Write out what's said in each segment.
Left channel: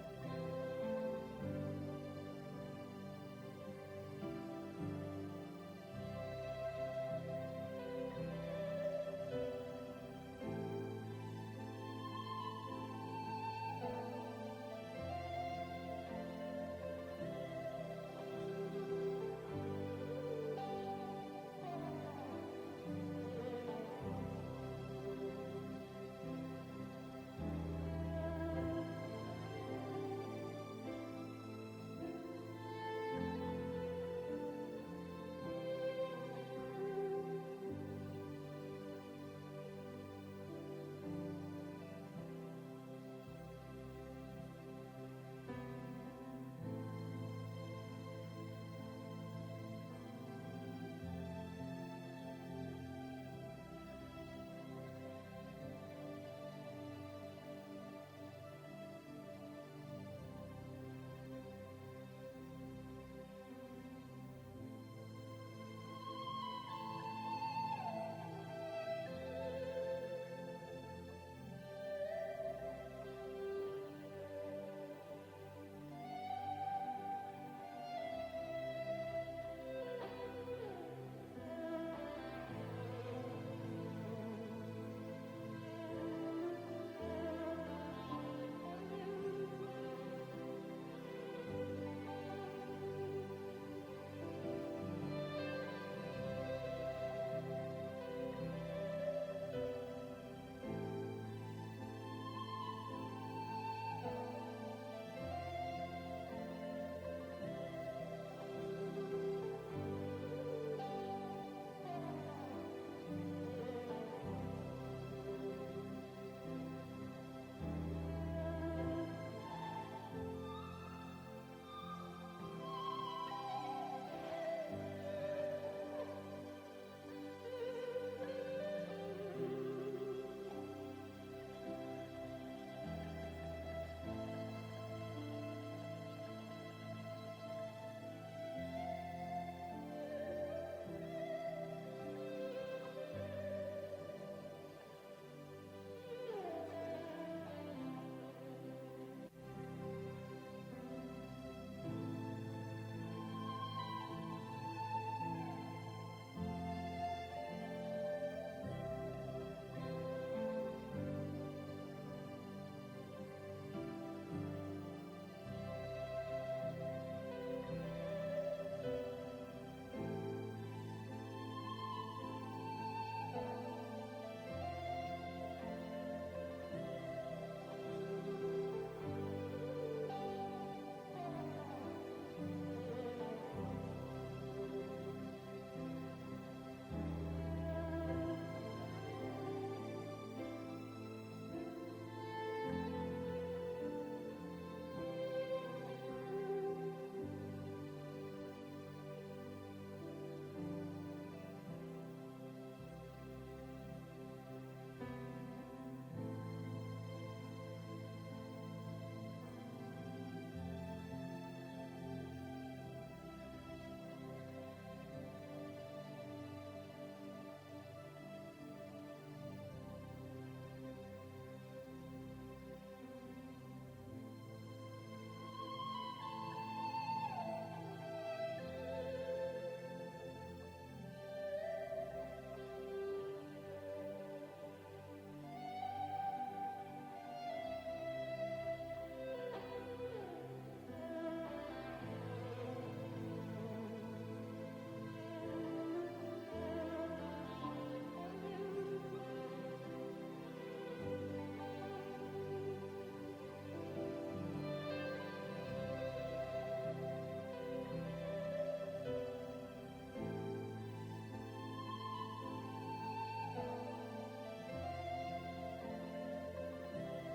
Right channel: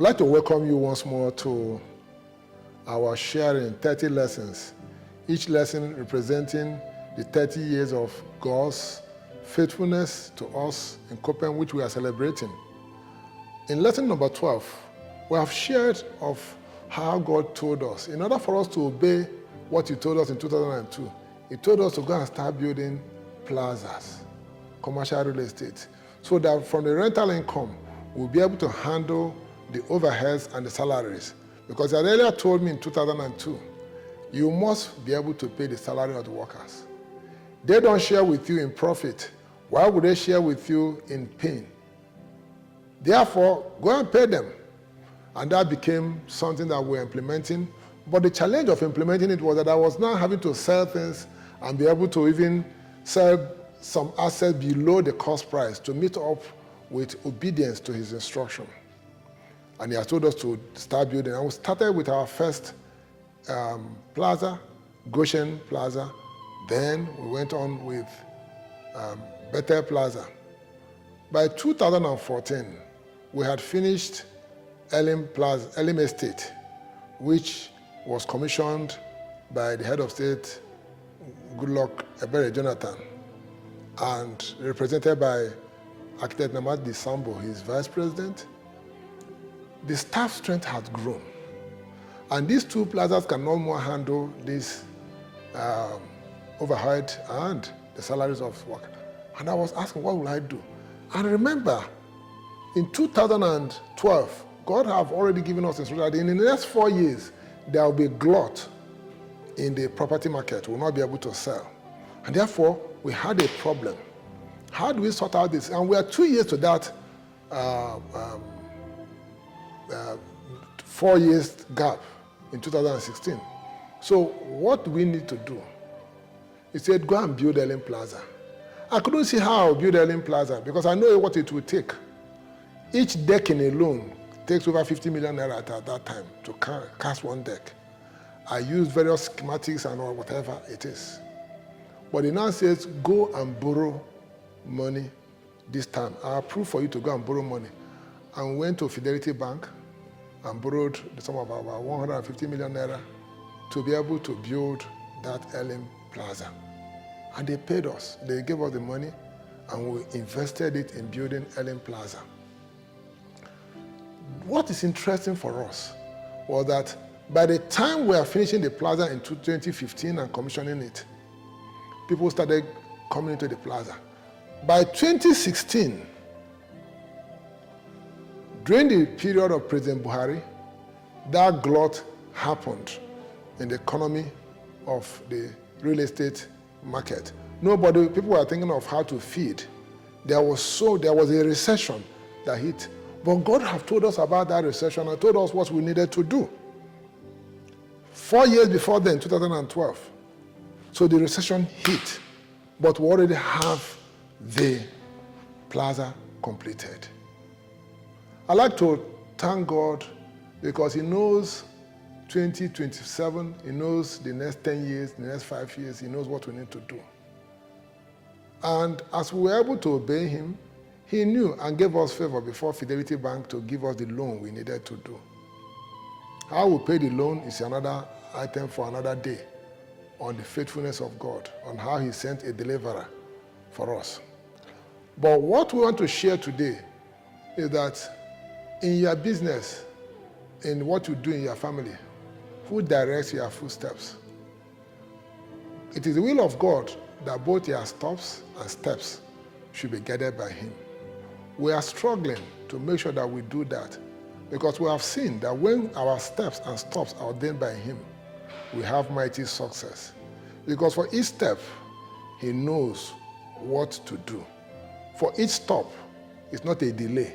I'd like to welcome you once more to our sharing 30 lessons, each lesson representing the 30 years of God's faithfulness to us in Copen, which we are celebrating. In lesson number 12, we have shared of how God told us, in order for us to obey what He told us in 2002, He told us to go and start building plazas, commercial real estate, so that from the rental income, we'll be able to handle the overheads and the salaries. Because He had earlier told me in 2002, you must be able to pay the salary of the workers. They don't share with you in profit. Why would they share with you in pain? Therefore, go and pay them. And that became something that we're implementing. But the challenge of implementing it was that I was now having to sell things and be able to even sell some assets below the cost price to meet up with obedience to His instruction. And He has told us to start building. And we started with our first plaza, Goshen Plaza. Then we went on with Bethel Plaza. By 2014, we had finished Elim Estate, which was commissioned by the head of state, Goodluck Ebere Jonathan, and represented by architect Namadi Sambo, his vice president. The staff strength has grown. And these two plazas can no more handle this overhead and the salaries of work. And I was asking, what will I do? And remember, in 2012, God have already given us instruction that in the next 4 years, there will be glut in the property market. We will not be able to sell. And therefore, we had a problem. How do we sort out this? And we are 2 years to that 4 years gap in 2016. So what do we need to do? He said, go and build Elim Plaza. I couldn't see how I'll build Elim Plaza because I know what it will take. Each decking alone takes over 50 million naira at that time to cast one deck. I used various schematics and all, whatever it is. But he now says, go and borrow money this time. I approve for you to go and borrow money. And we went to Fidelity Bank and borrowed the sum of about 150 million naira to be able to build that Elim Plaza. And they paid us. They gave us the money and we invested it in building Elim Plaza. What is interesting for us was that by the time we are finishing the plaza in 2015 and commissioning it, people started coming into the plaza. By 2016, during the period of President Buhari, that glut happened in the economy of the real estate market. People were thinking of how to feed. There was a recession that hit. But God have told us about that recession and told us what we needed to do. 4 years before then, 2012. So the recession hit, but we already have the plaza completed. I'd like to thank God because He knows 2027, He knows the next 10 years, the next 5 years, He knows what we need to do. And as we were able to obey Him, He knew and gave us favor before Fidelity Bank to give us the loan we needed to do. How we pay the loan is another item for another day on the faithfulness of God, on how He sent a deliverer for us. But what we want to share today is that in your business, in what you do in your family, who directs your footsteps? It is the will of God that both your stops and steps should be guided by Him. We are struggling to make sure that we do that because we have seen that when our steps and stops are ordained by Him, we have mighty success. Because for each step, He knows what to do. For each stop, it's not a delay.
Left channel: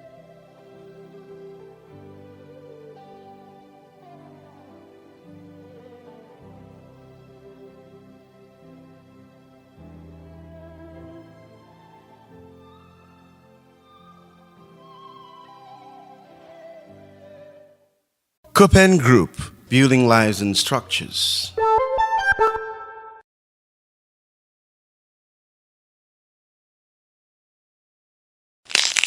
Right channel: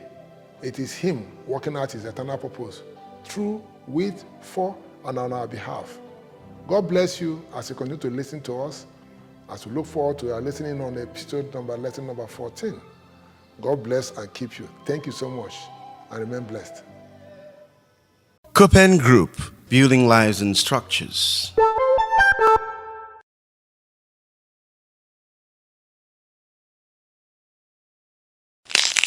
It is Him working out His eternal purpose through, with, for, and on our behalf. God bless you as you continue to listen to us, as we look forward to our listening on lesson number 14. God bless and keep you. Thank you so much, and remain blessed. Copen Group, building lives and structures.